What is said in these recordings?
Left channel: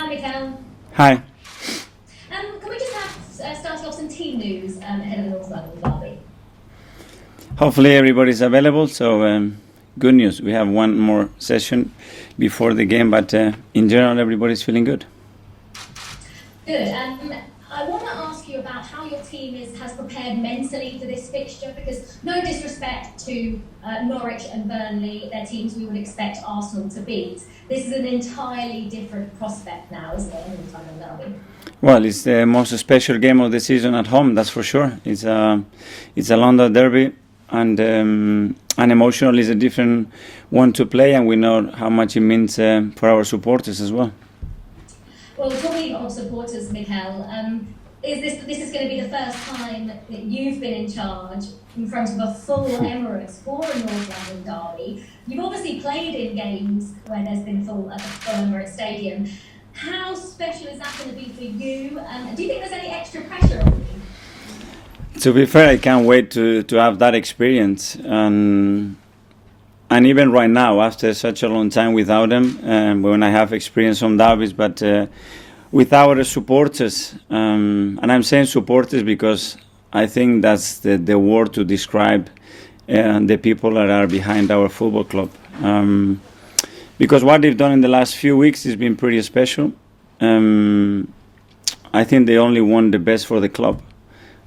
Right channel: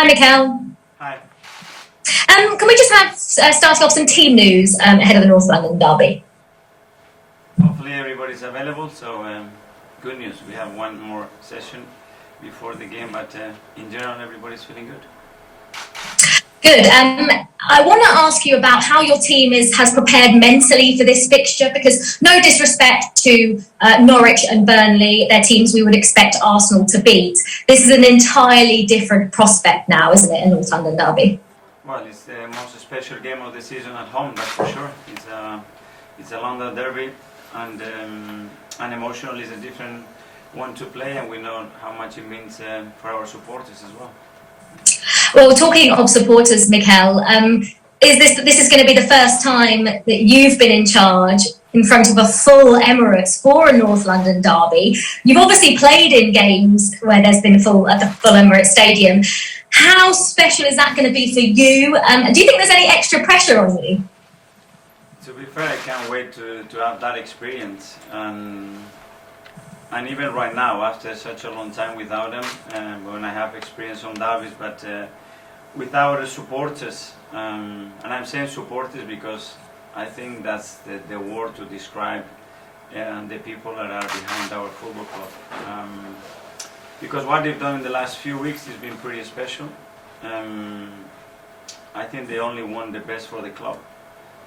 Hi, Mikel. Hi. Can we just have starting off some team news ahead of the North London derby? Hopefully everybody's available. So good news. We have one more session before the game, but in general, everybody's feeling good. Good. I want to ask you about how your team has prepared mentally for this fixture, because no disrespect to Norwich and Burnley, they're teams we would expect Arsenal to beat. This is an entirely different prospect now, isn't it, in North London derby? Well, it's the most special game of the season at home, that's for sure. It's a London derby, and emotionally it's a different one to play, and we know how much it means for our supporters as well. Well, talking of supporters, Mikel, this is going to be the first time that you've been in charge in front of a full Emirates for a North London derby. You've obviously played in games where there's been full at the full Emirates Stadium. How special is that going to be for you? Do you think there's any extra pressure on you? To be fair, I can't wait to have that experience. And even right now, after such a long time without them, when I have experience on derbies, but with our supporters, and I'm saying supporters because I think that's the word to describe the people that are behind our football club. Because what they've done in the last few weeks has been pretty special. I think they only want the best for the club.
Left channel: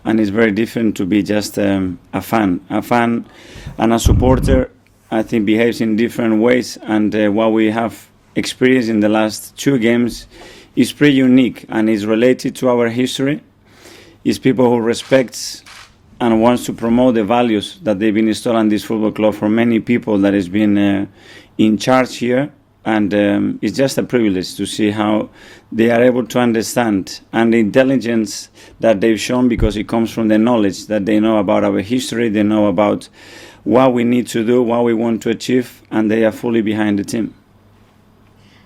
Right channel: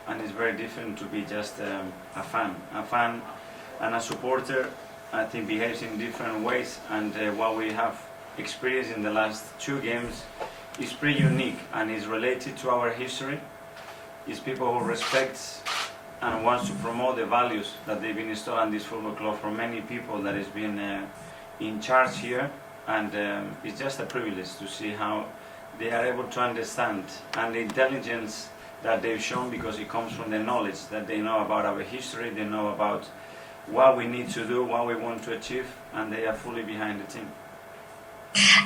And it's very different to be just a fan. A fan and a supporter, I think, behaves in different ways, and what we have experienced in the last two games is pretty unique and is related to our history. It's people who respect and wants to promote the values that they've been installed in this football club for many people that has been in charge here, and it's just a privilege to see how they are able to understand, and the intelligence that they've shown, because it comes from the knowledge that they know about our history, they know about what we need to do, what we want to achieve, and they are fully behind the team.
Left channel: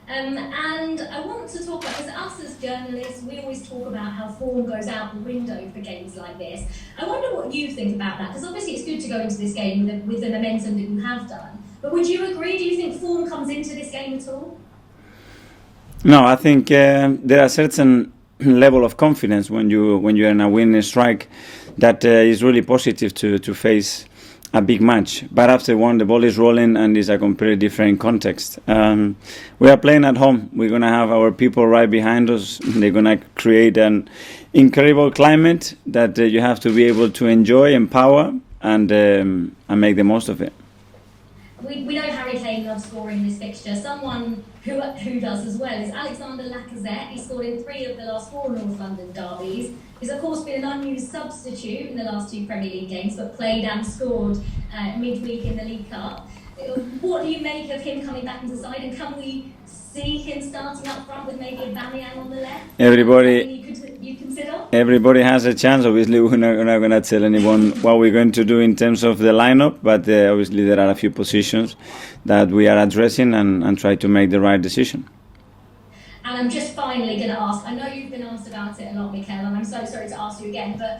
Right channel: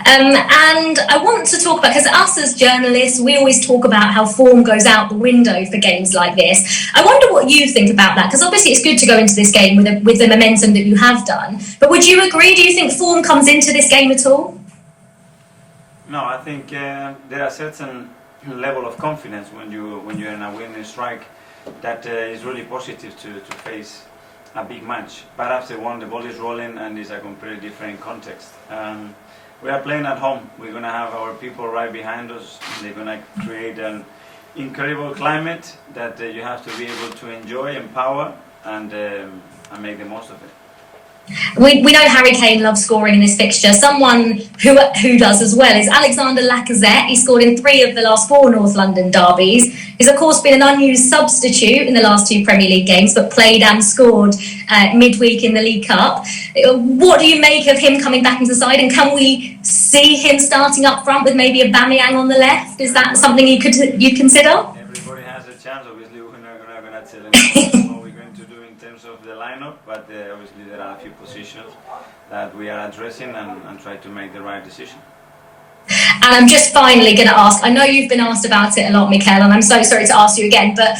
And I want to talk about, because us as journalists, we always talk about how form goes out the window for games like this. I wonder what you think about that, because obviously it's good to go into this game with the momentum that you have done. But would you agree? Do you think form comes into this game at all? No, I think there are certain level of confidence when you're in a winning strike that is really positive to face a big match. But after one, the ball is rolling and it's a completely different context. We are playing at home. We're going to have our people right behind us. They're going to create an incredible climate that you have to be able to enjoy, empower, and make the most of it. We know Harry Kane loves scoring in this fixture. Someone who does as well is Alexander Lacazette. He scored in 3 of the last 4 North London derbies. He's of course been an unused substitute in the last 2 Premier League games, but played and scored midweek in the League Cup. What do you make of him coming back into the side, and can we see him starting up front with maybe Aubameyang on the left? Is that something you'd consider? Everybody has a chance. Obviously, we're not going to tell anyone what we're going to do in terms of the lineup, but obviously there are a few positions that we are addressing and try to make the right decision. And I'm just finally going to ask, I know you've been asked about it a lot, Mikel, and I'm so sorry to ask you again, but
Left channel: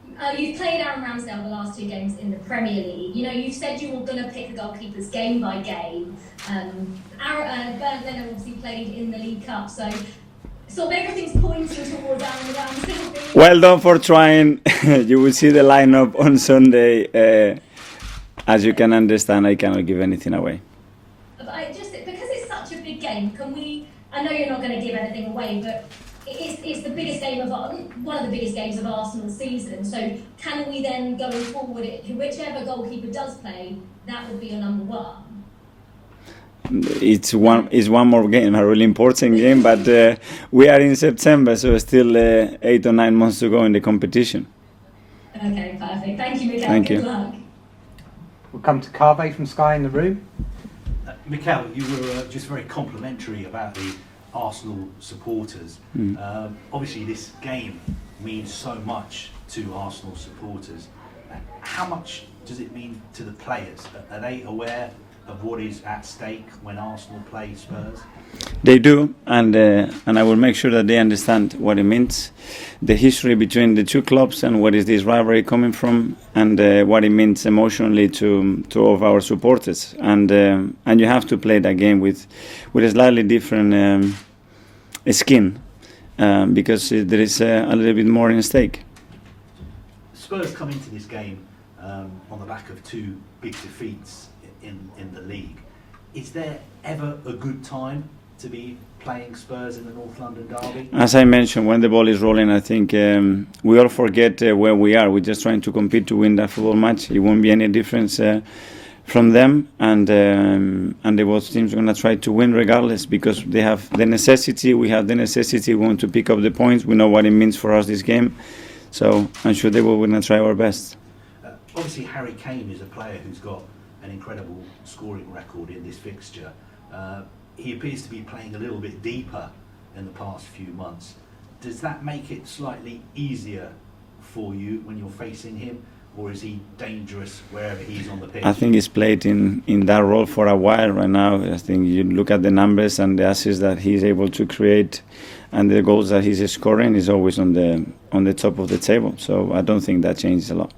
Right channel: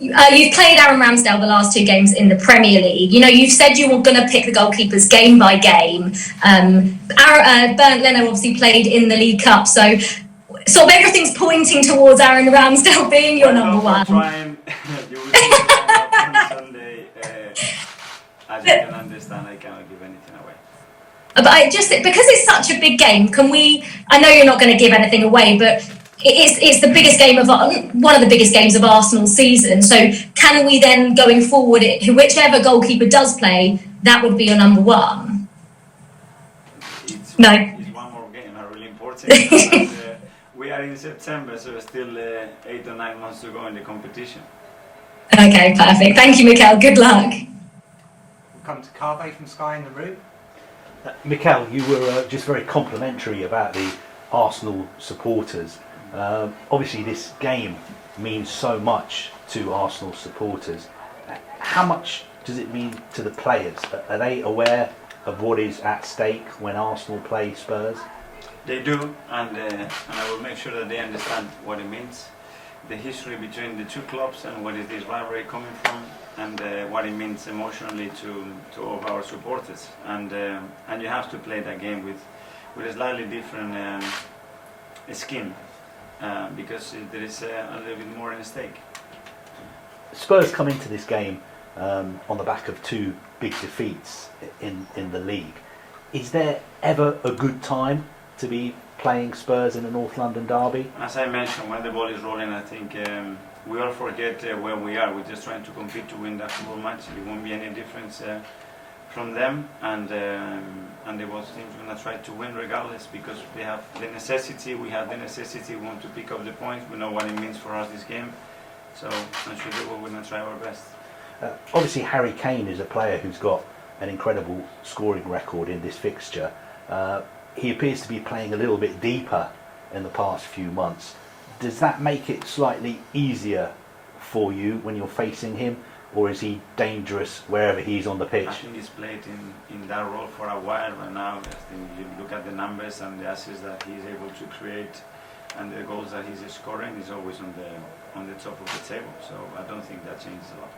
you've played Aaron Ramsdale the last 2 games in the Premier League. You know, you've said you were going to pick the goalkeepers game by game. Bernd Leno obviously played in the League Cup, so sort of everything's pointing towards Aaron Ramsdale being well done for trying. You will see the lineup on Sunday. As you can understand, I cannot give anything away. But because it's such a big game, I know you're not going to give anything away, but it's the biggest game one of the biggest games of Arsenal's season. So can we then, going forward, whichever goalkeeper does play, that would be your number 1? It's one more game, a really important game, but we are in September, so still 8 or 9 months to go in the competition. Okay, perfect. Thank you, Mikel. Good luck. We'll come to Carve from Sky in the Room. Mikel, you were just very complimentary about the Arsenal supporters. Obviously, this game means so much to Arsenal supporters. How much does it mean to the players? Are they aware of what is at stake when Arsenal play Spurs? They do, and I will make sure that they understand what it means, the history between the two clubs, and what is this rivalry coming from, and what it means emotionally to all of our supporters. And you have to play that game with a slightly different skin, because there is a little bit more in stake. Spurs come into this game on the back of two big defeats in the league. Is there ever a good time to be playing Spurs in a North London derby? As I mentioned, when the ball is rolling, I think we all forget where we are. We're just trying to compete to win that football match. It won't be any difference from them, and the both teams are going to try to win regardless, because they have the necessity. We have the necessity. We want to pick up the points. We know what it means for us, this game. So I'm sure they will going to try our best. Obviously, Harry Kane is a player who's got an incredible scoring record in this fixture. He appears to be playing a little bit deeper in the past few months. Does that make it slightly easier for you when you're facing him, or is he dangerous wherever he's on the pitch? I think he's played in that role for a while right now. I think you look at the numbers and the assists that he's able to create, and the goals that he's scoring is always on the top of the table. So I don't think that changes a lot.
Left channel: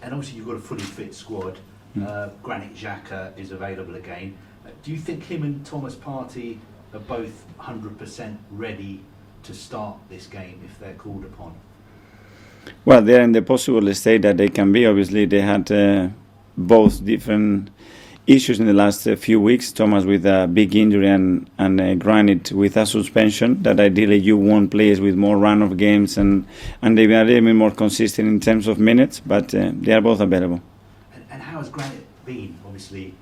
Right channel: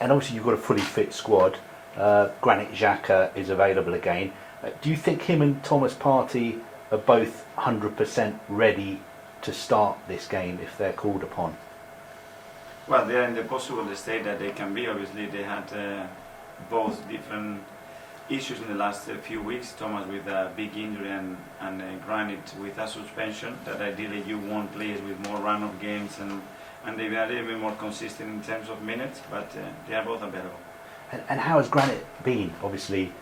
And obviously you've got a fully fit squad. Granit Xhaka is available again. Do you think him and Thomas Partey are both 100% ready to start this game if they're called upon? Well, they're in the possible state that they can be. Obviously, they had both different issues in the last few weeks. Thomas with a big injury and Granit with a suspension. That ideally you want players with more run of games and they've been a little bit more consistent in terms of minutes, but they are both available. And how has Granit been? Obviously,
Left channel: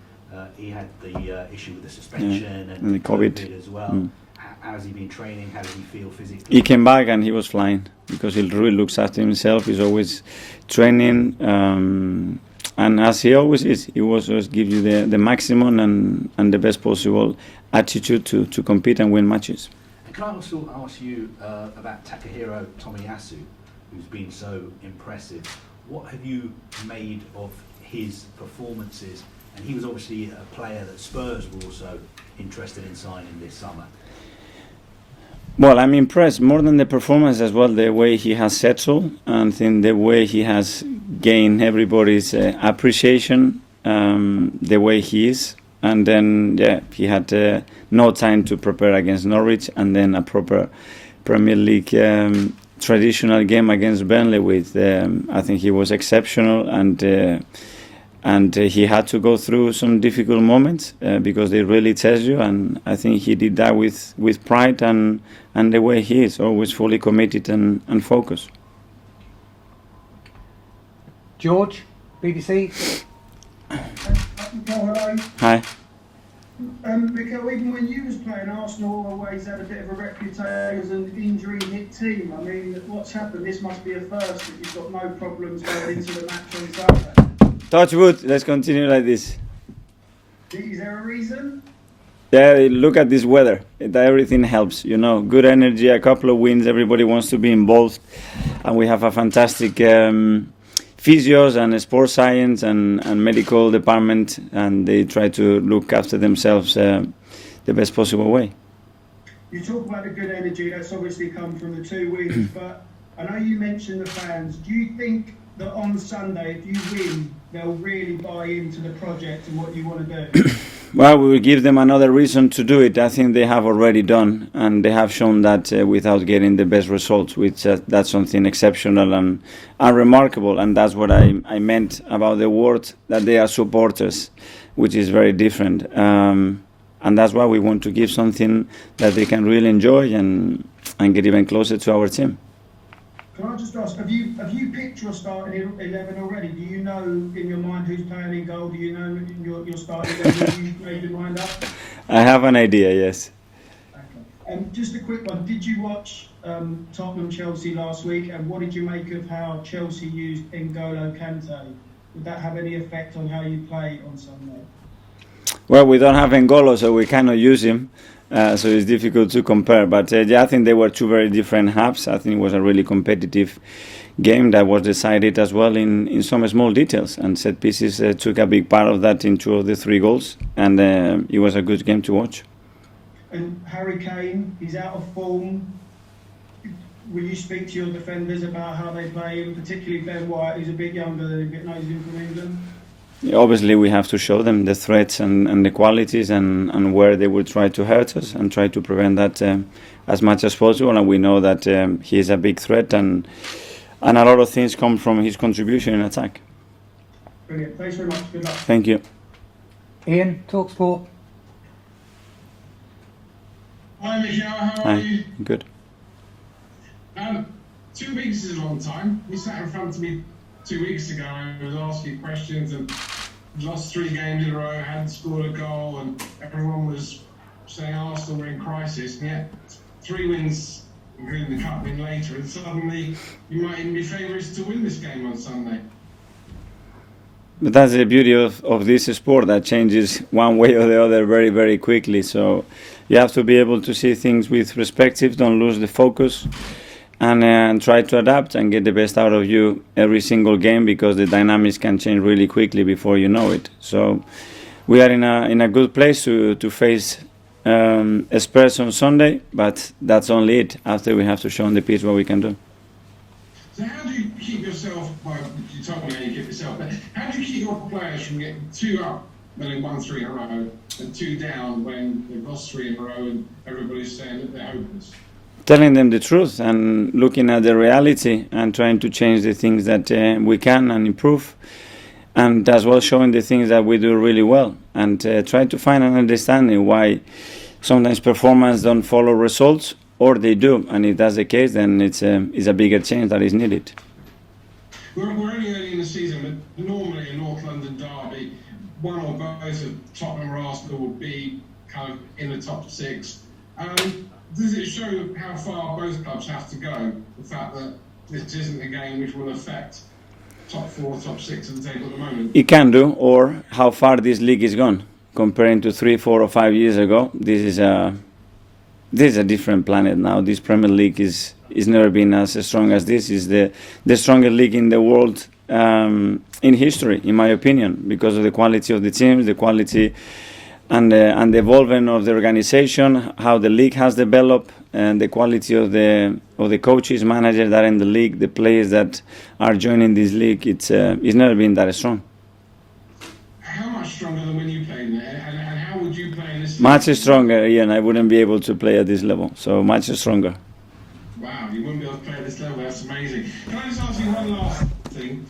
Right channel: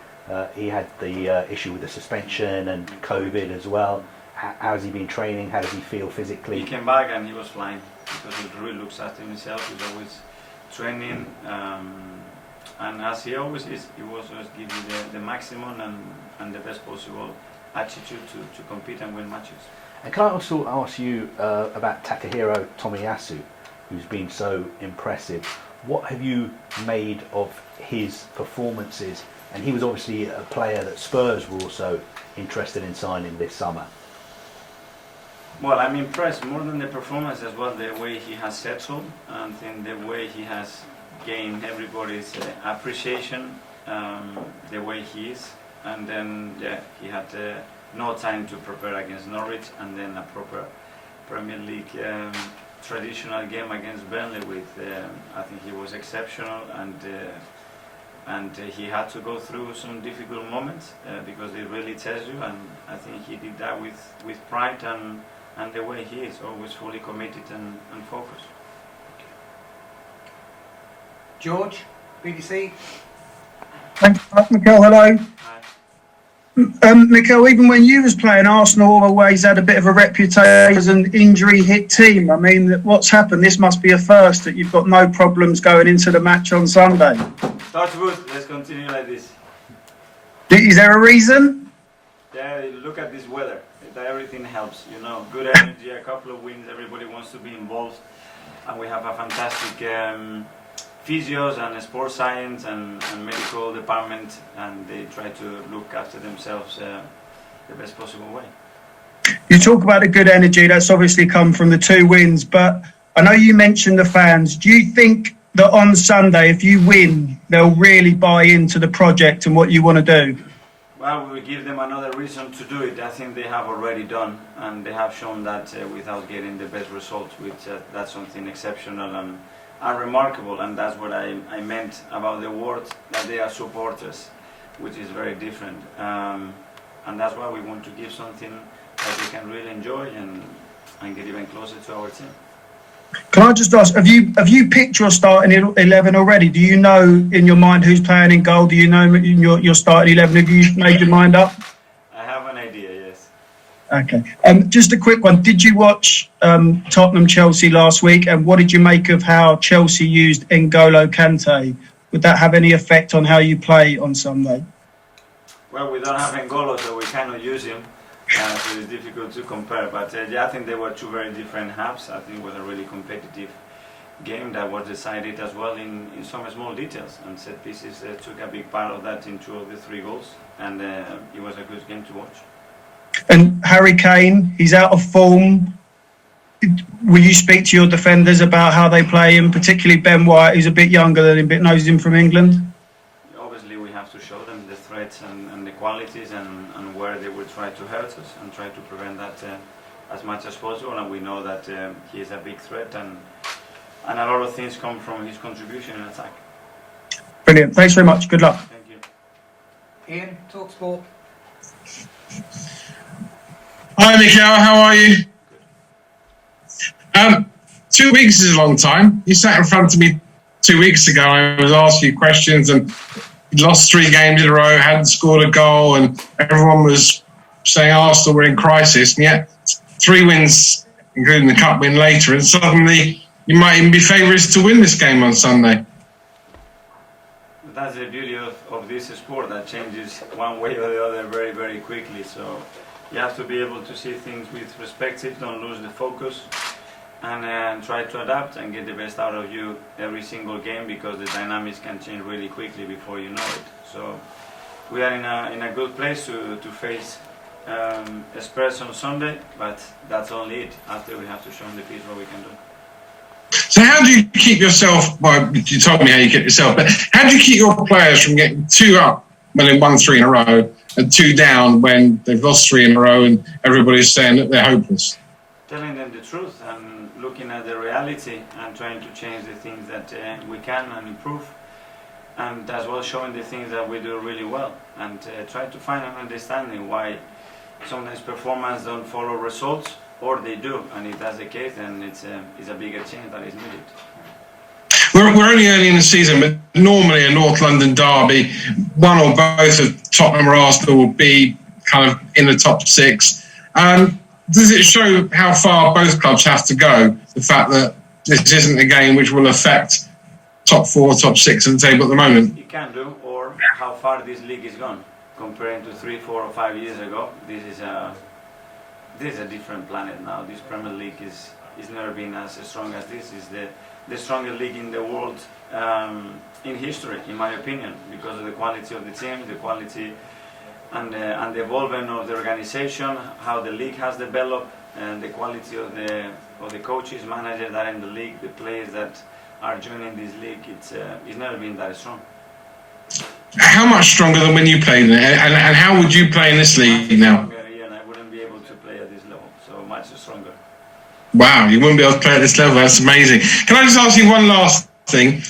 he had the issue with the suspension and COVID as well. How has he been training? How does he feel physically? He came back and he was flying because he really looks after himself. He's always training, and as he always is, he will always give you the maximum and the best possible attitude to compete and win matches. And can I also ask you about Takahiro Tomiyasu, who's been so impressive? What have you made of his performances? And he was obviously a player that Spurs were also interested in signing this summer. Well, I'm impressed more than the performance as well, the way he has settled and then the way he has gained everybody's appreciation, the way he is. And then, he had no time to prepare against Norwich, and then a proper Premier League traditional game against Burnley with, I think he was exceptional, and he had to go through some difficult moments because they really test you, and I think he did that with pride and the way he is, always fully committed and focused. George, BBC. Thanks, Mikel. Hello. Hi. Mikel, even when you was playing, Arsenal always had a bit of a reputation as an injury-hit team. I mean, what's happened? This must be a first, that you've got no problems going into the match on Sunday. Touch wood, let's continue like this. Is there a reason? Yeah, look at this weather. Everything helps, Good energy, a couple of wins, everybody wants to be involved. And we have a fantastic physios and sports science and medical department, and they try to look after themselves the best possible way. You talk about a good energy, that's obviously come from the 2 wins, but I know you mentioned the fans. Do you think that on Sunday, if you win, they'll really buy into the project and what you want to do? Well, we will give them another reason to do it. I think they have already done, and they have shown that without getting the best results, which that's something exceptional and remarkable. And that's what I meant about the word, that they are supporters, which is very different. And that's why we want to give something that they can really enjoy and get even closer to our team. Can I just ask, have you picked your starting 11 already? Do you know in your mind who's playing in goal? Do you know your starting 11? Have you made your mind up? I have an idea, yes. Okay. Just a quick one. Did you watch Tottenham Chelsea last week? And what did you make of how Chelsea used N'Golo Kante? Would that have any effect on how you play on Sunday? Well, we don't have N'Golo, so we cannot use him. So it's difficult to compare. But I think they were 2 very different halves. I think it was a really competitive game that was decided as well in some small details. And set pieces took a big part of that in 2 of the 3 goals. And it was a good game to watch. And Harry Kane, he's out of form. Will you speak to your defenders about how they play him, particularly Ben White, who's a bit younger than him, but knows him from England? Obviously, we have to show them the threats and the qualities and where they will try to hurt us and try to prevent that as much as possible, and we know that he is a big threat, and a lot of things come from his contribution in attack. Brilliant. Thanks very much. Good luck. Thank you. Ian, TalkSport. Hi, Mikel. How are you? Good. 2 weeks is a long time. You sat in front of me 2 weeks ago. I was asking you questions, and you lost 3 games in a row, hadn't scored a goal, and everyone was saying Arsenal were in crisis. And yet, 3 wins, including the cup win later, and suddenly you might even be favourites to win this game on Sunday. But that's the beauty of this sport, that changes one way or the other very, very quickly. So you have to be able to see things with perspective, don't lose the focus, and try to adapt and get the best out of you every single game, because the dynamics can change really quickly before you know it. So we are in a good place to face Spurs on Sunday, but that's only it. After, we have to show on the pitch what we can do. So how do you keep yourself, well, you told me how you get yourself, but how do you keep your players from getting 2 up when they've won 3 in a row and 2 down when they've lost 3 in a row and everybody's saying that they're hopeless? Telling them the truth and looking at the reality and trying to change the things that we can and improve, and as well showing the things that we do really well, and try to find an understanding why sometimes performance don't follow results, or they do, and if that's the case, then it's a bigger change that is needed. We're only early in the season, but normally a North London derby, one or both of Tottenham or Arsenal will be kind of in the top 6. Does it show how far both clubs have to go, the fact that this isn't a game which will affect top 4, top 6 of the table at the moment? It can do, or how far this league is gone. Comparing to 3, 4 or 5 years ago, this is a different planet now. This Premier League is never been as strong as this. Is the strongest league in the world in history, in my opinion, because of the quality of the teams, the quality and the evolvement of the organization, how the league has developed, and the quality of the coaches, managers that are in the league, the players that are joining this league. It's never been that strong. How much stronger than when you played in it? And how would you play in this league? Much stronger, yeah, and I wouldn't be able to play at this level. So much stronger. Wow, you wouldn't be able to play at this level. That's amazing. Can I just ask you one last thing?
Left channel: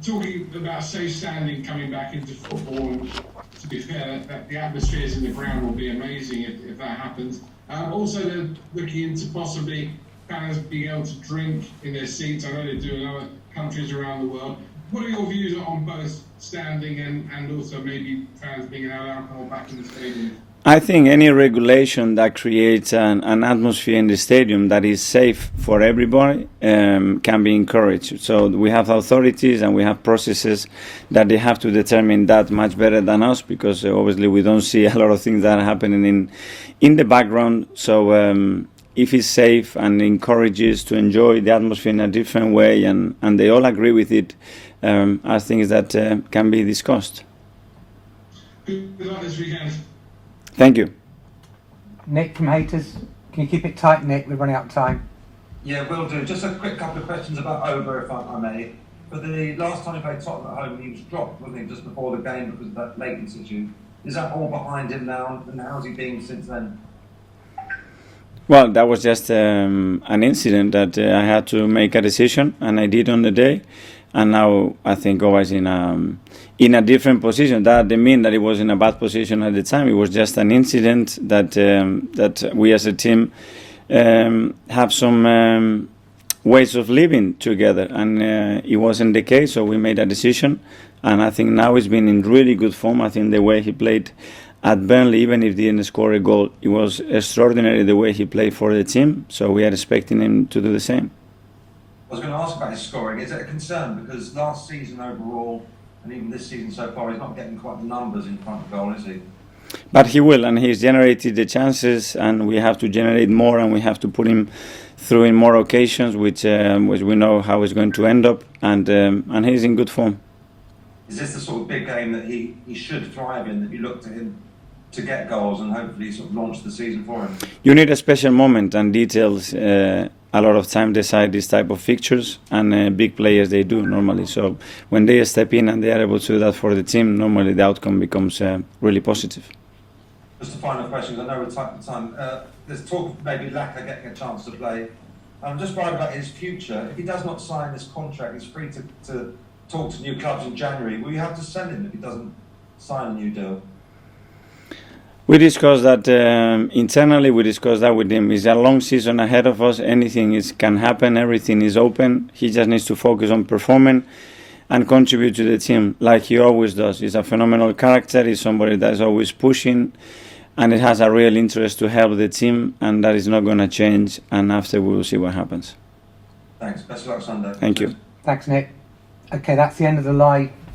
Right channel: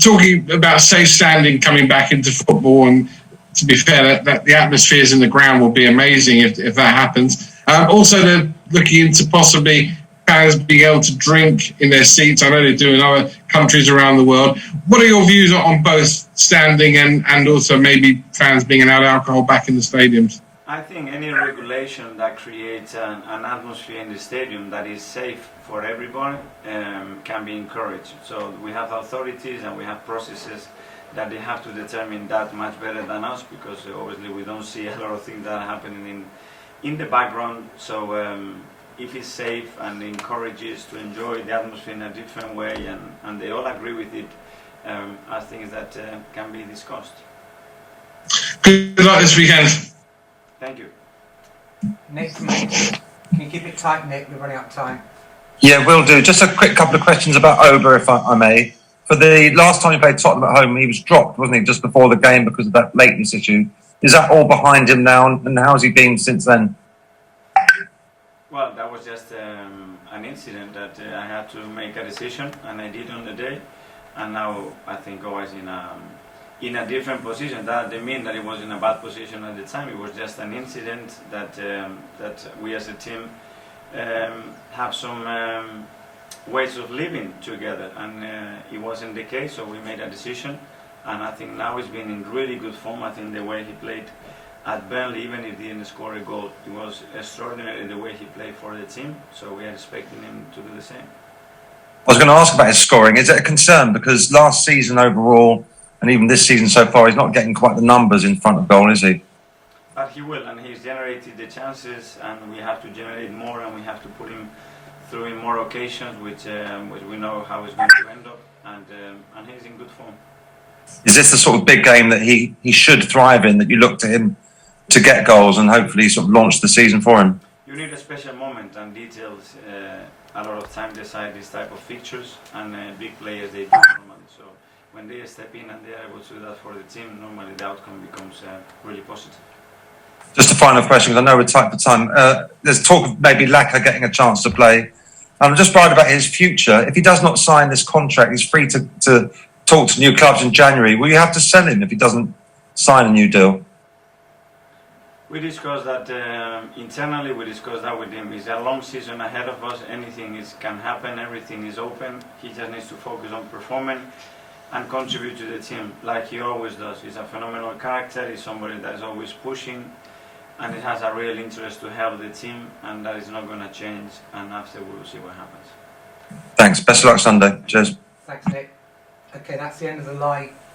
Talking about safe standing coming back into football, and to be fair, that the atmospheres in the ground will be amazing if that happens. Also, they're looking into possibly fans being able to drink in their seats. I know they do in other countries around the world. What are your views on both standing and also maybe fans being allowed alcohol back in the stadiums? I think any regulation that creates an atmosphere in the stadium that is safe for everybody can be encouraged. So we have authorities and we have processes that they have to determine that much better than us, because obviously we don't see a lot of things that are happening in the background. So if it's safe and encourages to enjoy the atmosphere in a different way, and they all agree with it, I think that can be discussed. Good luck this weekend. Thank you. Nick from Haiti. Can you keep it tight, Nick? We're running out of time. Yeah, will do. Just a quick couple of questions about Auba, if I may. For the last time he played Tottenham at home, he was dropped, wasn't he, just before the game because of that lateness issue. Is that all behind him now, and how's he been since then? Well, that was just an incident that I had to make a decision, and I did on the day. And now I think Auba in a different position. That didn't mean that he was in a bad position at the time. It was just an incident that we as a team have some ways of living together, and it wasn't the case. So we made a decision, and I think now he's been in really good form. I think the way he played at Burnley, even if he didn't score a goal, it was extraordinary the way he played for the team. So we are expecting him to do the same. I was going to ask about his scoring. Is it a concern? Because last season overall, and even this season so far, he's not getting quite the numbers in front of goal, is he? But he will, and he's generated the chances, and we have to generate more, and we have to put him through in more occasions, which we know how he's going to end up, and he's in good form. Is this the sort of big game that he should thrive in, that you look to him to get goals and hopefully sort of launch the season for him? You need a special moment, and details a lot of time decide this type of fixtures, and big players, they do normally. So when they step in and they are able to do that for the team, normally the outcome becomes really positive. Just a final question, because I know we're tight for time. There's talk of maybe Laca getting a chance to play. I'm just worried about his future. If he does not sign this contract, he's free to talk to new clubs in January. Will you have to sell him if he doesn't sign a new deal? We discussed that internally. We discussed that with him. It's a long season ahead of us. Anything can happen. Everything is open. He just needs to focus on performing and contribute to the team like he always does. He's a phenomenal character. He's somebody that is always pushing, and it has a real interest to help the team, and that is not going to change. And after, we will see what happens. Thanks. Best of luck Sunday. Thank Cheers. you. Thanks, Nick. Okay, that's the end of the live